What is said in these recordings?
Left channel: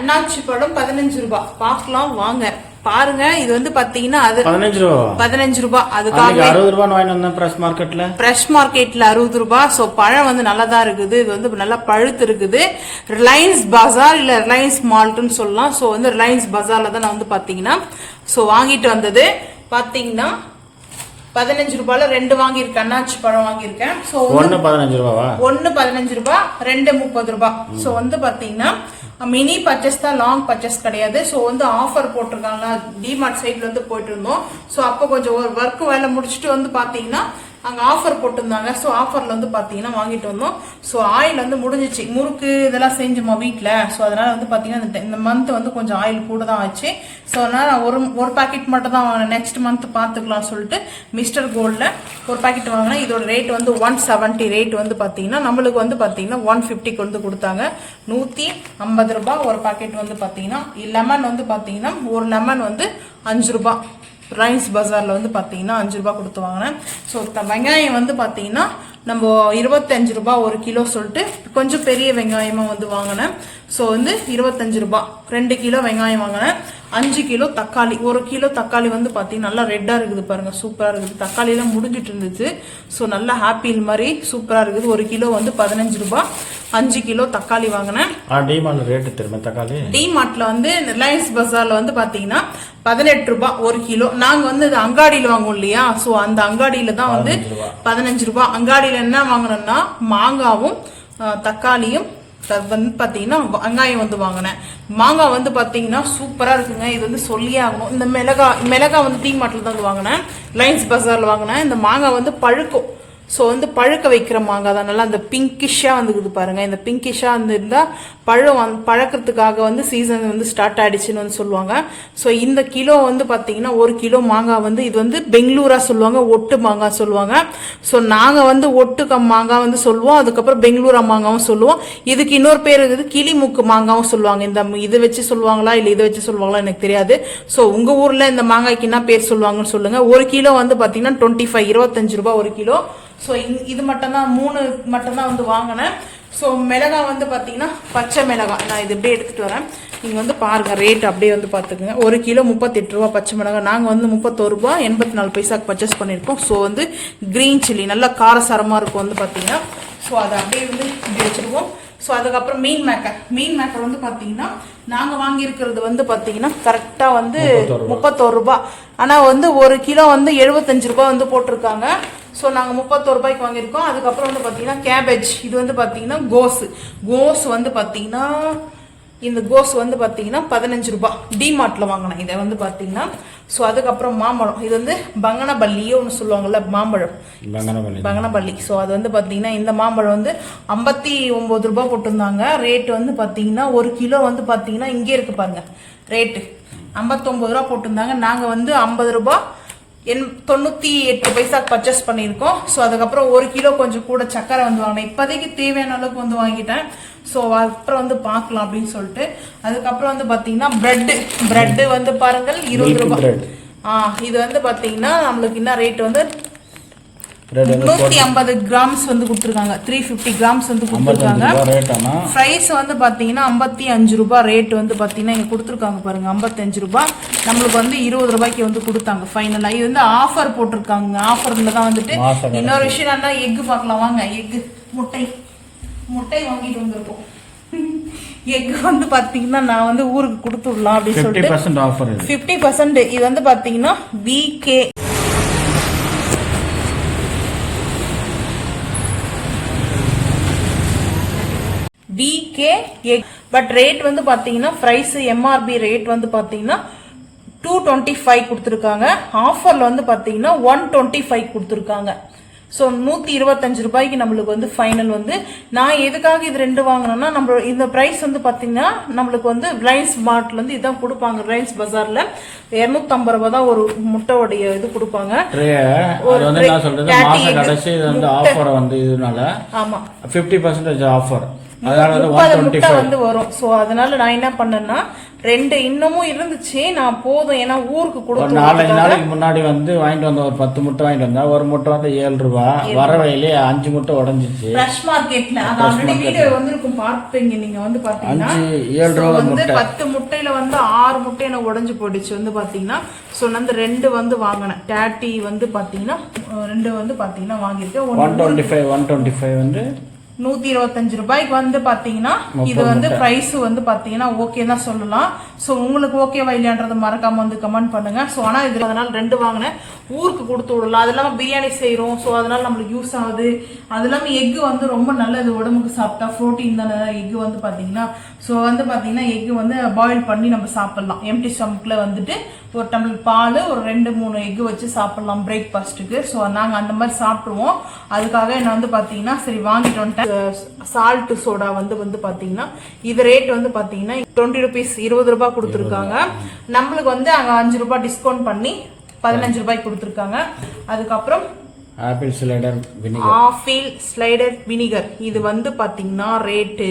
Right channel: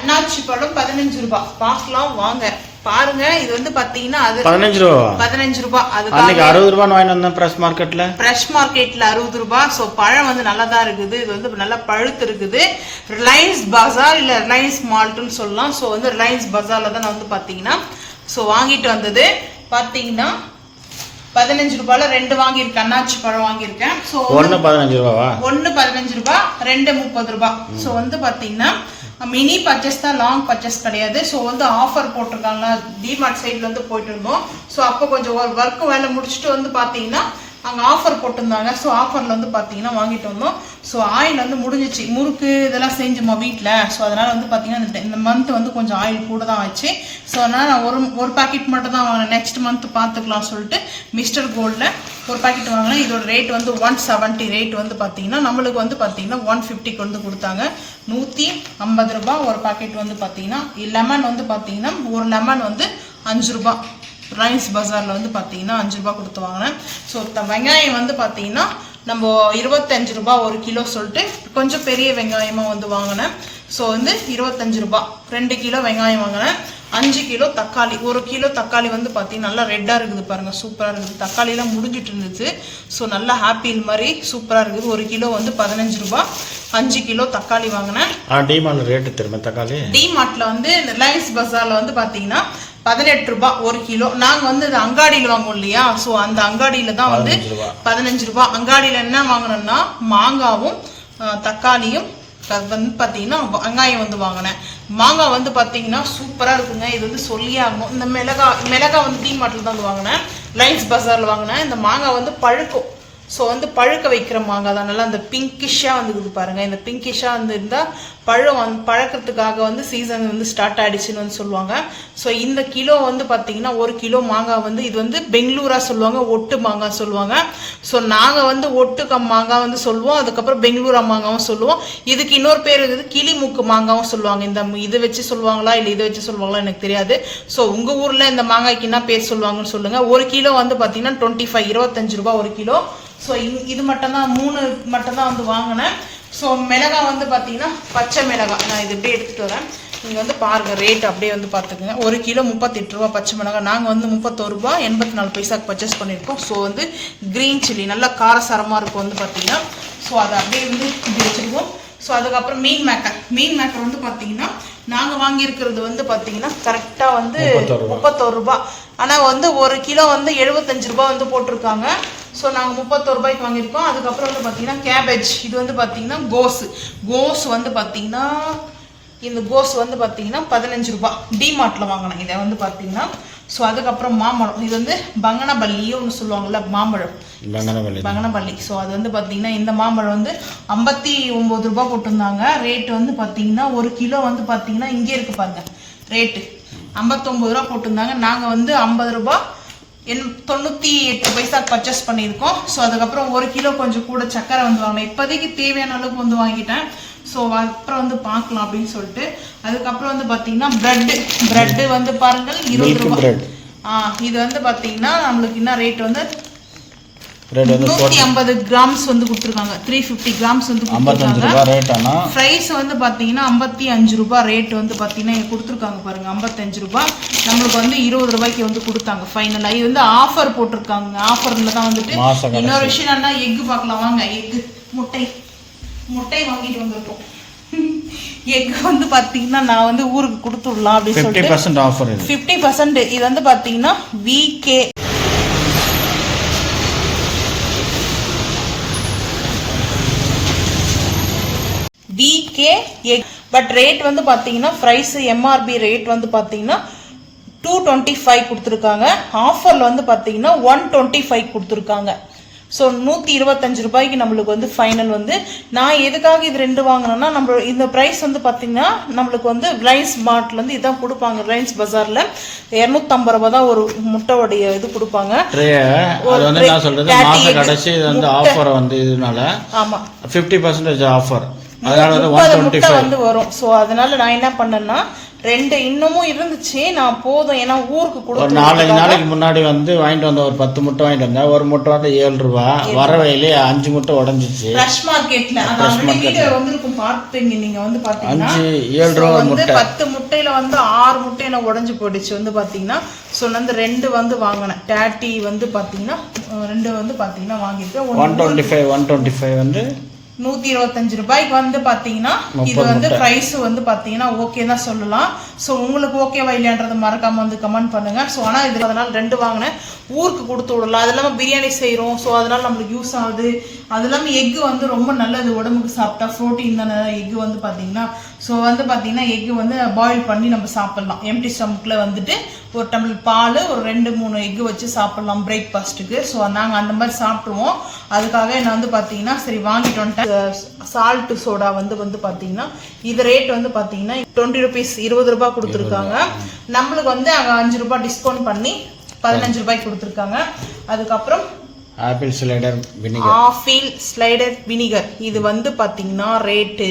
அன்னாச்சி பழம் 15 ரூபாய். பார்க்கலாம் வாங்க பாருங்க. இது வந்து பாத்தீங்கன்னா அது 15 ரூபாய். அதுக்கு 60 ரூபாய் வாங்கி வந்தேன் ஃப்ரெஷ் மார்க்கெட்ல. 60 ரூபாய். சோ பழம் வந்து நல்லா தான் இருக்குது. இது வந்து நல்லா பழுத்து இருக்குது. ரிலையன்ஸ் பஜார் இல்ல ரிலையன்ஸ் மால்ட்னு சொல்லலாம். சோ வந்து ரிலையன்ஸ் பஜார்ல தான் நான் வந்து பாத்தீங்கன்னா சோ வாங்கிட்டு வந்தது. பாத்தீங்கன்னா 15 ரூபாய்ல 2 வாங்கியிருக்கேன். அன்னாச்சி பழம் வாங்கியிருக்கேன். சோ 1 15 ரூபாவா? 1 15 ரூபாய், 2 30 ரூபாய். சோ வந்து பாத்தீங்கன்னா மினி பர்ச்சேஸ் தான், லாங் பர்ச்சேஸ் கிடையாது. ஸோ வந்து ஆஃபர் போட்டிருக்காங்க. டிமார்ட் சைட்ல வந்து போயிட்டு இருந்தோம். ஸோ அப்போ கொஞ்சம் ஒர்க் வேலை முடிச்சுட்டு வந்து பாத்தீங்கன்னா அங்கே ஆஃபர் போட்டிருந்தாங்க. ஸோ ஆஃபர்ல வந்து பாத்தீங்கன்னா வாங்கிட்டு வந்தோம். ஸோ ஆயில் வந்து முடிஞ்சிச்சு. முறுக்கு இதெல்லாம் செஞ்சுமா வீட்டில். ஸோ அதனால வந்து பாத்தீங்கன்னா இந்த மந்த் வந்து கொஞ்சம் ஆயில் கூட தான் ஆச்சு. ஸோ அதனால நான் ஒரு பாக்கெட் மட்டும் தான் வாங்கினேன். நெக்ஸ்ட் மந்த் பார்த்துக்கலாம் சொல்லிட்டு மிஸ்டர் கோல்டில் ஒரு பாக்கெட் வாங்கினேன். இதோட ரேட் வந்து 170. ரேட் வந்து பாத்தீங்கன்னா நம்மளுக்கு வந்து பாத்தீங்கன்னா 150க்கு வந்து கொடுத்தாங்க. 150 ரூபாய் ஒரு பாக்கெட் வந்து பாத்தீங்கன்னா. லெமன் வந்து பாத்தீங்கன்னா ஒரு லெமன் வந்து 5 ரூபாய். ரிலையன்ஸ் பஜார்ல வந்து பாத்தீங்கன்னா 5 ரூபாய் கொடுத்து வாங்கினேன். ஸோ வெங்காயம் வந்து பாத்தீங்கன்னா நம்ம 25 ரூபாய் ஒரு கிலோ சொல்லிட்டு கொஞ்சம் பெரிய வெங்காயமா வந்து வாங்கினேன். ஸோ வந்து 25 ரூபாய் 2 கிலோ வெங்காயம் வாங்கினேன். 5 கிலோ தக்காளி. 1 கிலோ தக்காளி வந்து பாத்தீங்கன்னா நல்லா ரெட்டா இருக்குது பாருங்க, சூப்பரா இருக்குது. தக்காளி எல்லாம் முடிஞ்சிட்டு இருந்துச்சு. ஸோ நல்லா ஆப்பிள் மாதிரி சூப்பரா இருக்குது. 1 கிலோ வந்து 15 ரூபாய். 5 கிலோ தக்காளி வாங்கினேன். டிமார்ட்ல ரேட்டு தெரியுமா தக்காளி? டிமார்ட்ல வந்து ரிலையன்ஸ் பஜார்ல வந்து பாத்தீங்கன்னா 18 ரூபாய் ஒரு கிலோ. நாங்க வந்து இது அங்காடியில வாங்குவோம் இல்லையா? சோ அந்த அங்காடியில தான் வந்து 15 ரூபாய். அங்காடியில என்ன வாங்கினோம்னா மாங்காவும் தக்காளியும் வந்து பாத்தீங்கன்னா வெங்காயம் வந்து வாங்கினேன். மாங்காய் வந்து பாத்தீங்கன்னா சூப்பரா இருக்குங்க. இது வந்து சொல்லியே ஆகணும். இந்த மிளகாய் வந்து டிமார்ட்ல தான் வந்து வாங்கினேன். ரிலையன்ஸ் பஜார்ல வாங்கினேன். இந்த மாங்காய் வந்து பழுக்கும். ஸோ வந்து பழுக்க வைக்கிற மாங்காய் தான். நல்லா அந்த பிங்கிஷாக வந்துக்குது பாருங்க. இந்த பிங்கிஷாக வந்து இருந்தால் பழக்கிறதுக்காக வந்து சீசன் வந்து ஸ்டார்ட் ஆயிடுச்சுன்னு வந்து சொல்லுவாங்க. ஸோ இந்த கிலோ வந்து பார்த்தீங்கன்னா 1 கிலோ மாங்காய் வந்து இது வந்து பெங்களூரா சொல்லுவாங்க, ஒட்டு மாங்காய் சொல்லுவாங்க. ஸோ நாங்கள் வந்து ஒட்டு மாங்காய் வந்து சொல்லுவோம். அதுக்கப்புறம் பெங்களூரா மாங்காவும் சொல்லுவோம். இதுக்கு இன்னொரு பேர் இருக்குது கிளிமுக்கு மாங்காவும் சொல்லுவாங்க. இந்த இதை வச்சு சொல்லுவாங்களா இல்லை இதை வச்சு சொல்லுவாங்களா எனக்கு தெரியாது. ஸோ உங்கள் ஊரில் இந்த மாங்காய்க்கு என்ன பேர் சொல்லுவாங்கன்னு சொல்லுங்க. 1 கிலோ வந்து பார்த்தீங்கன்னா 25 ரூபாய் 1 கிலோ. ஸோ இது மட்டும் தான் 3 மட்டும் தான் வந்து வாங்கினேன். ஸோ மிளகாய் வந்து பார்த்தீங்கன்னா பச்சை மிளகாய் நான் இது அப்படியே எடுத்துகிட்டு வரேன். நீங்கள் வந்து பாருங்கள் ரேட் அப்படியே வந்து பார்த்துக்குங்க. 1 கிலோ 38 ரூபா பச்சை மிளகாய். நாங்கள் வந்து 31 ரூபாய் 84 பைசாக்கு பர்ச்சேஸ் பண்ணியிருக்கோம். ஸோ வந்து க்ரீன் சில்லி நல்லா காரசாரமாக இருக்கும் வந்து பார்த்தீங்கன்னா. ஸோ அதை அப்படியே வந்து இப்படி வச்சுருக்கோம். ஸோ அதுக்கப்புறம் மீன் மேக்கர் வந்து பார்த்தீங்கன்னா நாங்கள் வாங்கியிருக்கிறது வந்து பார்த்தீங்கன்னா கரெக்டாக வந்து 31 ரூபாய். ஆனால் வந்து 1 கிலோ வந்து 75 ரூபாய் வந்து போட்டிருக்காங்க. ஸோ நாங்கள் 31 ரூபாய்க்கு வாங்கியிருக்கோம். அதுக்கப்புறம் வந்து பார்த்தீங்கன்னா கேபேஜ். இது வந்து பார்த்தீங்கன்னா கோஸ் வந்து பார்த்தீங்கன்னா இந்த கோஸ் வந்து பார்த்தீங்கன்னா 15 ரூபாய். டிமார்ட்ல வாங்கினேன் இதை வந்து பார்த்தீங்கன்னா. ஸோ அதுக்கப்புறம் மாம்பழம். இது வந்து பங்கனபல்லியோ ஒன்று சொல்லுவாங்கல்ல மாம்பழம், பங்கனபல்லி. ஸோ அது வந்து பார்த்தீங்கன்னா இந்த மாம்பழம் வந்து 59 ரூபாய் போட்டிருந்தாங்க. ரேட் வந்து பார்த்தீங்கன்னா 1 கிலோ வந்து பார்த்தீங்கன்னா இங்கே இருக்கு பாருங்க ரேட்டு 59 ரூபா போட்டிருந்தாங்க. நாங்கள் வந்து 50 ரூபாய் 98 பைசா பர்ச்சேஸ் பண்ணியிருக்கோம். ஸோ அதுக்கப்புறம் 1 கிலோ கொஞ்சம் கூட சக்கரை வந்து வாங்கினேன். இப்போதைக்கு தேவையான அளவுக்கு வந்து வாங்கிட்டேன். ஸோ அப்புறம் வந்து பார்க்கலாம் அப்படின்னு சொல்லிட்டு. அதுக்கப்புறம் வந்து பார்த்தீங்கன்னா பிரெட் வந்து பாருங்கள் 20 ரூபாய். இது வந்து பார்த்தீங்கன்னா நம்மளுக்கு என்ன ரேட் வந்து 150 கிராம்ஸ் வந்து கொடுத்துருக்காங்க. 350 கிராம்ஸ் வந்து கொடுத்துருக்காங்க. ப்ரைஸ் வந்து பார்த்தீங்கன்னா 55 ரூபாய் ரேட் வந்து பார்த்தீங்கன்னா இங்கே கொடுத்துருக்காங்க பாருங்க 55 ரூபாய். நம்மளுக்கு வந்து 20 ரூபாய்க்கு வந்து கொடுத்தாங்க ஃபைனலாக. இது வந்து ஆஃபர் போட்டிருக்காங்க. ஆஃபர்ல தான் வந்துட்டு. இன்னொரு விஷயம் என்ன, எக்கு பார்க்கலாம் வாங்க. எக்கு முட்டை வாங்கிட்டு வந்துட்டோம். எக் வந்து பார்த்தீங்கன்னா நான் வந்து ஊருக்கு கொடுத்துடலாம் அப்படின்னு சொல்லிட்டு 50% ஆஃபர். 50%. இது வந்து பார்த்தீங்கன்னா VK எக். பட் ரேட் வந்து பார்த்தீங்கன்னா ப்ரைஸ் MRP ரேட் வந்து பார்த்தீங்கன்னா 225 கொடுத்துருக்காங்க. ஆஃபரில் வந்து பார்த்தீங்கன்னா 125 கொடுத்துருக்காங்க. ஸோ 125 ரூபாய்க்கு நம்மளுக்கு வந்து ஃபைனல் வந்து. நான் எதுக்காக இது 2 வாங்கினேன்னா நம்ம இந்த ப்ரைஸ் வந்து பார்த்தீங்கன்னா நம்மளுக்கு வந்து ரிலையன்ஸ் மார்ட்லேருந்து இதான் கொடுப்பாங்க. ரிலையன்ஸ் பஜாரில் 250 ரூபாய் தான் ஒரு முட்டையோடைய இது கொடுப்பாங்க. ஆஃபர் வந்து இதனால 50% ஆஃபர் அதனால 30 முட்டை வந்து வரும். ஸோ அதனால நான் என்ன பண்ணேன்னா 2 இன்னமும் இருந்துச்சு, நான் போதும் ஏன்னா ஊருக்கு கொடுத்து 4 நாளைக்கு முன்னாடி வந்து வாங்கிட்டு வந்த ஒரு 10 முட்டை வாங்கிட்டு வந்தா ஒரு முட்டை வந்து 7 ரூபாய், வர வயலே 5 முட்டை உடஞ்சிச்சு. ஃப்ரெஷ் மார்க்கெட்ல அதான் வீடியோ வந்திருக்கும் பார்ப்பீங்க நீங்க வந்து பாத்தீங்கன்னா 7 ரூபாய் வந்து 10 முட்டையில வந்து 6 முட்டை என்ன உடஞ்சு போயிடுச்சு வந்து பாத்தீங்கன்னா. ஸோ வந்து 2 வந்து வாங்கினேன். டேட்டி வந்து பாத்தீங்கன்னா 2 வந்து பாத்தீங்கன்னா வாங்கியிருக்கேன். 125 வந்து 125 ரூபாய்க்கு வந்து பாத்தீங்கன்னா இது வந்து பிரைஸ் வந்து பாத்தீங்கன்னா ஓகே தான் சொல்லலாம். ஸோ உங்களுக்கு ஓகேவா இல்லையான்றதை மறக்காம வந்து கமெண்ட் பண்ணுங்க. ஸோ ஆனால் இது அதனால 2 வாங்கினேன், ஊருக்கு கொடுத்து விடலாம். அது இல்லாமல் பிரியாணி செய்கிறோம், ஸோ அதனால நம்மளுக்கு யூஸ் ஆகுது. அது இல்லாமல் எக்கு வந்து ரொம்ப நல்லது உடம்புக்கு, சாப்பிட்டா ப்ரோட்டீன் தானே எக்கு வந்து பார்த்தீங்கன்னா. ஸோ வந்து பார்த்தீங்கன்னா எக்கு வந்து பாயில் பண்ணி நம்ம சாப்பிட்லாம். எம்டி ஸ்டமக்கில் வந்துட்டு ஒரு டம்ளர் பால் ஒரு 2-3 எக்கு வச்சு சாப்பிட்லாம் பிரேக்ஃபாஸ்ட்டுக்கு. ஸோ நாங்கள் அந்த மாதிரி சாப்பிடுவோம். அதுக்காக நான் வந்து பார்த்தீங்கன்னா சரி வாங்கிட்டு வந்துட்டேன். சால்ட்டு சோடா வந்து பார்த்தீங்கன்னா இது ரேட் வந்து பார்த்தீங்கன்னா 20 ரூபீஸ், 20 ரூபாய் கொடுத்துருக்காங்க. நம்மளுக்கு வந்து அங்கே 5 ரூபாய் டிஸ்கவுண்ட் பண்ணி 15 ரூபாய்க்கு கொடுத்துருக்காங்க. அதுக்கப்புறம் ஆப்பிள் ஸ்லைடர் வினிகர் இது வந்து பார்த்தீங்கன்னா ரேட்டு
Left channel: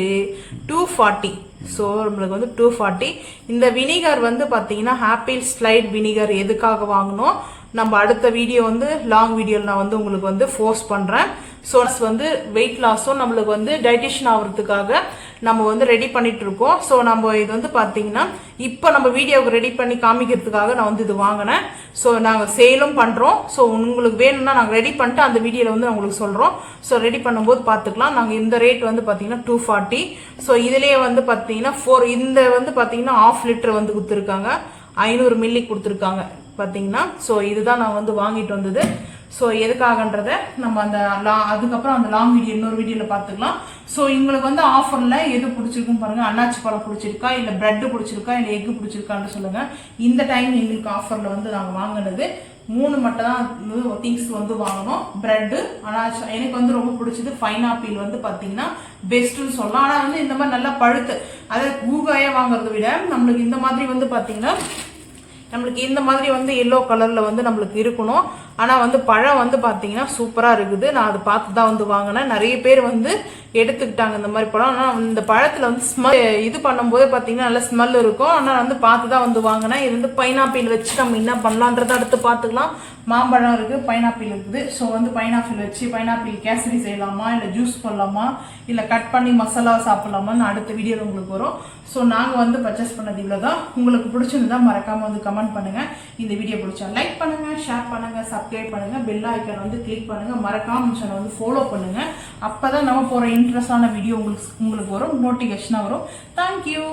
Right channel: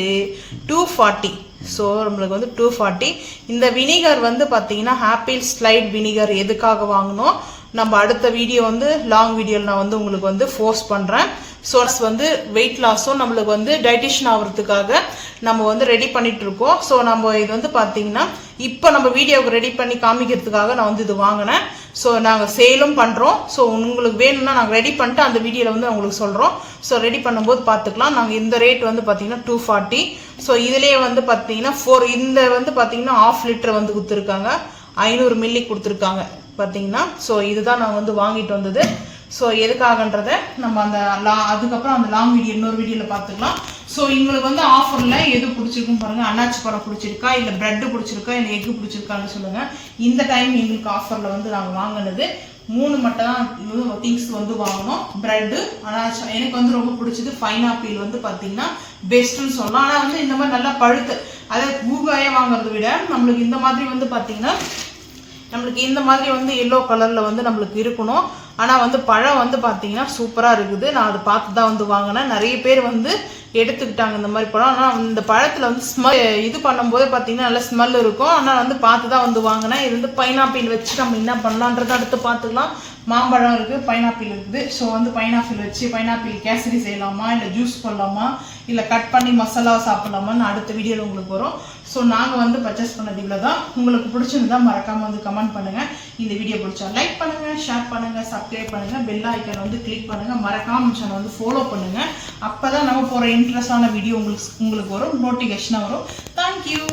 240. ஸோ நம்மளுக்கு வந்து 240. இந்த வினிகர் வந்து பார்த்தீங்கன்னா ஆப்பிள் ஸ்லைட் வினிகர் எதுக்காக வாங்கினோம் நம்ம அடுத்த வீடியோ வந்து லாங் வீடியோவில் நான் வந்து உங்களுக்கு வந்து ஃபோர்ஸ் பண்ணுறேன். சோர்ஸ் வந்து வெயிட் லாஸும் நம்மளுக்கு வந்து டைட்டிஷன் ஆகிறதுக்காக நம்ம வந்து ரெடி பண்ணிட்டு இருக்கோம். ஸோ நம்ம இது வந்து பார்த்தீங்கன்னா இப்போ நம்ம வீடியோவுக்கு ரெடி பண்ணி காமிக்கிறதுக்காக நான் வந்து இது வாங்கினேன். ஸோ நாங்கள் சேலும் பண்ணுறோம். ஸோ உங்களுக்கு வேணும்னா நாங்கள் ரெடி பண்ணிட்டு அந்த வீடியோவில் வந்து உங்களுக்கு சொல்கிறோம். ஸோ ரெடி பண்ணும்போது பார்த்துக்கலாம். நாங்கள் இந்த ரேட் வந்து பார்த்தீங்கன்னா 240. ஸோ இதுலேயே வந்து பார்த்தீங்கன்னா இந்த வந்து பார்த்தீங்கன்னா 1/2 லிட்டர் வந்து கொடுத்துருக்காங்க, 500 மில்லி கொடுத்துருக்காங்க பார்த்தீங்கன்னா. ஸோ இதுதான் நான் வந்து வாங்கிட்டு வந்தது. ஸோ எதுக்காகன்றதை நம்ம அதுக்கப்புறம் அந்த லாங் வீடியோ இன்னொரு வீடியோவில் பார்த்துக்கலாம். ஸோ எங்களுக்கு வந்து ஆஃபரில் எது பிடிச்சிருக்குன்னு பாருங்கள். அன்னாச்சி பழம் பிடிச்சிருக்கா, இல்லை ப்ரெட்டு பிடிச்சிருக்கா, இல்லை எக்கு பிடிச்சிருக்கான்னு சொல்லுங்கள். இந்த டைம் எங்களுக்கு ஆஃபரில் வந்து நாங்கள் வாங்கினது 3 மட்டும் தான் திங்ஸ் வந்து வாங்கினோம். ப்ரெட்டு, அன்னாச்சி, எனக்கு வந்து ரொம்ப பிடிச்சது பைனாப்பிள் வந்து பார்த்தீங்கன்னா பெஸ்ட்டுன்னு சொல்லலாம். ஆனால் வந்து இந்த மாதிரி நல்லா பழுத்து, அதாவது ஊகாயாக வாங்குறத விட நம்மளுக்கு இந்த மாதிரி வந்து பார்த்தீங்கன்னா நம்மளுக்கு இந்த மாதிரி வந்து எல்லோ கலரில் வந்து நம்மளுக்கு இருக்கணும். ஆனால் வந்து பழம் வந்து பார்த்தீங்கன்னா சூப்பராக இருக்குது. நான் அதை பார்த்து தான் வந்து வாங்கினேன். நிறைய பேர் வந்து எடுத்துக்கிட்டாங்க இந்த மாதிரி பழம். ஆனால் இந்த பழத்தில் வந்து ஸ்மெல் இது பண்ணும்போது பார்த்தீங்கன்னா நல்ல ஸ்மெல் இருக்கும். ஆனால் வந்து பார்த்து தான் வந்து வாங்கினேன். இது வந்து பைனாப்பிள் வச்சு நம்ம என்ன பண்ணலான்றதை அடுத்து பார்த்துக்கலாம். மாம்பழம் இருக்குது, பைனாப்பிள் இருக்குது. ஸோ வந்து பைனாப்பிள் வச்சு பைனாப்பிள் கேசரி செய்யலாமா, இல்லை ஜூஸ் பண்ணலாமா, இல்லை கட் பண்ணி மசாலா சாப்பிடலாமான்னு அடுத்த வீடியோவில் உங்களுக்கு வரும். ஸோ நாங்கள் வந்து பர்ச்சேஸ் பண்ணது இவ்வளோ தான். உங்களுக்கு பிடிச்சிருந்தா மறக்காமல் வந்து கமெண்ட் பண்ணுங்கள். இந்த வீடியோ பிடிச்சா லைக் பண்ணுங்கள், ஷேர் பண்ணுங்கள், சப்ஸ்கிரைப் பண்ணுங்கள், பெல் ஐக்கான் வந்து கிளிக் பண்ணுங்கள், மறக்காமல் சேனல் வந்து ஃபாலோ பண்ணுங்கள். அப்போ தான் நம்ம போகிற இன்ட்ரெஸ்டான வீடியோ உங்களுக்கு வரும், நோட்டிஃபிகேஷனாக வரும். தேங்க்யூ.